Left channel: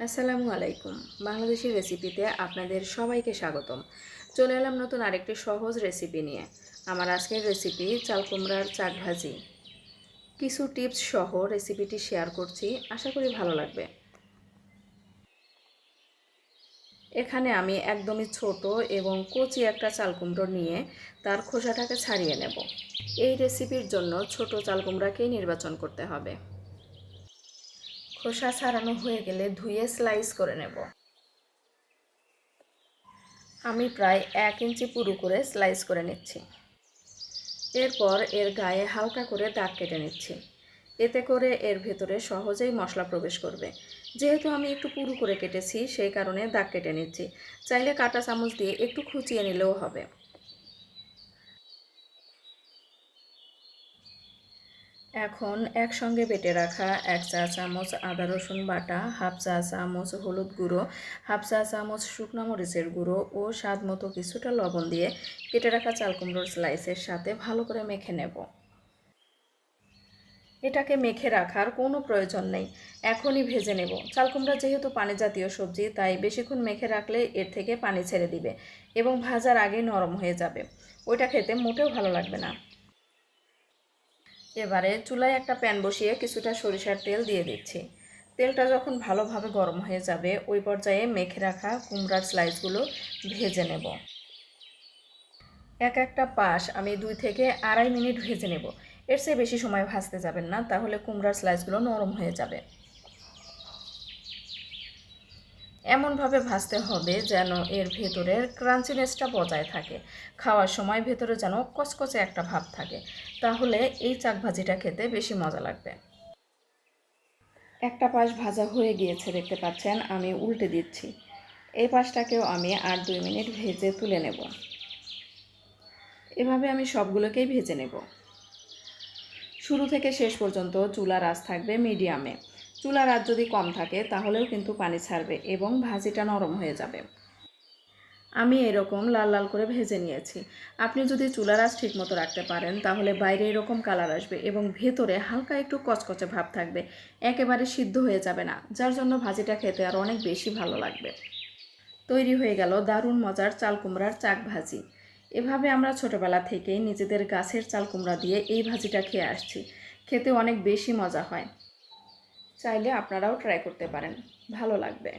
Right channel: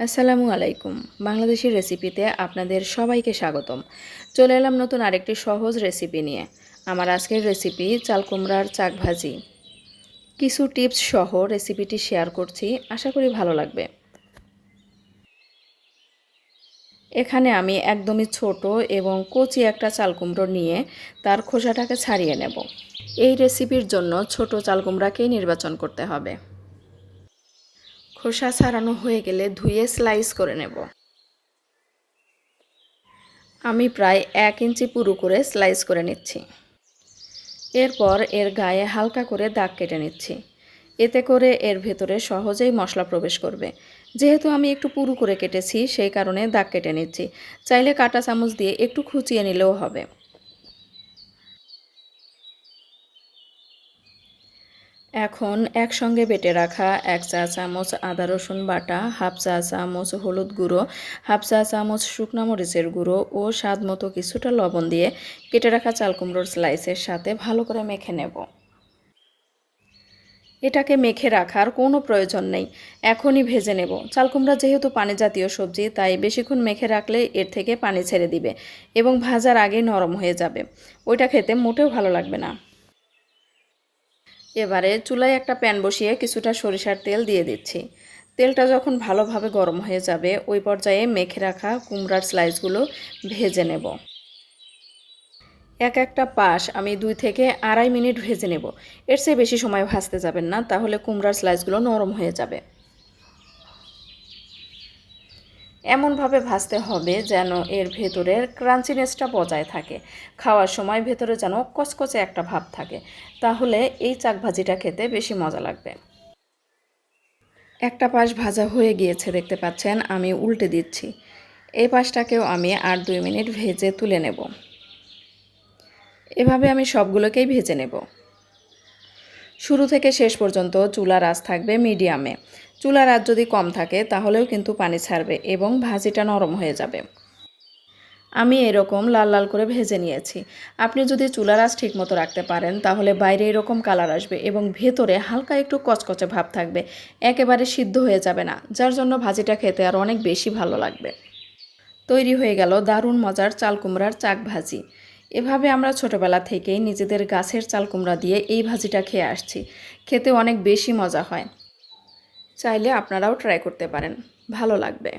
আসসালামু আলাইকুম। বাংলাদেশি রেসিপিতে আপনাদের সবাইকে স্বাগতম। চলে এলাম নতুন আরেকটি সহজ রেসিপি নিয়ে। আমার আজকের রেসিপি চাল কুমড়ার চাক ভাজি। কিছু টিপস সহ রেসিপিটি শেয়ার করছি, আশা করি ভালো লাগবে। এখানে আমি একদমই ছোট এবং কচি একটা চাল কুমড়ো নিয়ে তার খোসাটাকে ছাড়িয়ে নেব। এই রেসিপির জন্য ছোট চাল কুমড়াকেই নির্বাচন করতে হবে। খোসা ছাড়ানো হয়ে গেলে ধুয়ে স্লাইস করে নেব। আমি প্রায় এক ইঞ্চি পুরু করে স্লাইস করে নিচ্ছি। এরপর এর গায়ে হালকা করে দাগ কেটে নিচ্ছি। এতে করে এর ভেতরে সহজেই মশলা প্রবেশ করবে। যেহেতু আমি একটু পুরু করে কেটেছি, সেই কারণে দাগ কেটে নিচ্ছি। চাইলে কাটা চামচ দিয়ে একটু খুঁচিয়ে নিলেও হবে। এখন একসঙ্গে বেটে রাখা এক চা চামচ আদা রসুন বাটা, হাফ চা চামচ হলুদ গুঁড়ো, হাফ চা চামচ শুকনা মরিচের গুঁড়ো ও স্বাদ মতো কিছুটা লবণ দিয়ে কেটে রাখা চাল কুমড়োর স্লাইসের সাথে ভালো করে মেখে নেব। এটাকে মেখে রাখার কোনো প্রয়োজন নেই। এখনই ভেজে নেব। চাল কুমড়া যেহেতু পানি জাতীয় সবজি, তাই বেশিক্ষণ মেখে রাখলে এর থেকে পানি ছেড়ে দিবে এবং ভাজার আগে নরম হয়ে যাবে। ওইটা খেতে মোটেও ভালো লাগবে না। এবারে চুলায় একটা প্যান বসিয়ে কিছুটা সরিষার তেল দিয়ে দিচ্ছি। তেলটা যখন ভালোভাবে গরম হয়ে যাবে, ওই পর্যায়ে মেখে রাখা কুমড়ার স্লাইসগুলো ভেজে নেব। এক একটা পাশ আমি দুই থেকে আড়াই মিনিট ভেজে নেব। এর চেয়ে বেশি সময় ভাজতে যাবেন না, তাহলে কুমড়ার স্লাইসগুলো নরম হয়ে যাবে। এমনভাবে ভাজতে হবে যেন এর ভেতরের ক্রাঞ্চিনেসটা বজায় থাকে। খাওয়ার সময় ভেতরে যেন কচকচে একটা ভাব থাকে। তাহলে এই চাক ভাজিটা খেতে বেশি মজা লাগবে। একটা পাশ ভাজা হয়ে গিয়েছে, দেখতে পাচ্ছেন? আমি উল্টে দিচ্ছি। এই পাশটাকেও আমি আর দুই মিনিট ভেজে তুলে নেব। এভাবে আমি সবগুলোকেই ভেজে নেব। শুরু থেকে শেষ পর্যন্ত চুলার আঁচ থাকবে মিডিয়ামে। চুলার আঁচ যদি কম থাকে, তাহলেও কিন্তু পানি ছাড়বে এবং ভাজিটা নরম হয়ে যাবে। আমি এরকম লাল লাল করে ভেজে নিয়েছি। আপনি যদি চুলার আঁচ ঠিক মতো রাখতে পারেন, তাহলে বাইরে এরকম কালার আসবে এবং ভেতরে হালকা একটু কচকচে ভাব থাকবে। একেবারে সিদ্ধ হয়ে যাবে না, যার জন্য ভাজিটা খেতে আর অনেক বেশি ভালো লাগবে। তৈরি হয়ে গেল দারুণ মজার চাল কুমড়ার চাক ভাজি। এভাবে আমরা ছোটোবেলা থেকেই নিজেদের গাছের চাল কুমড়া দিয়ে এই ভাজিটা খেয়ে আসছি। খেতে অনেক বেশি মজা হয়। চাইলে আপনারাও ট্রাই করতে পারেন। ভালো লাগবে।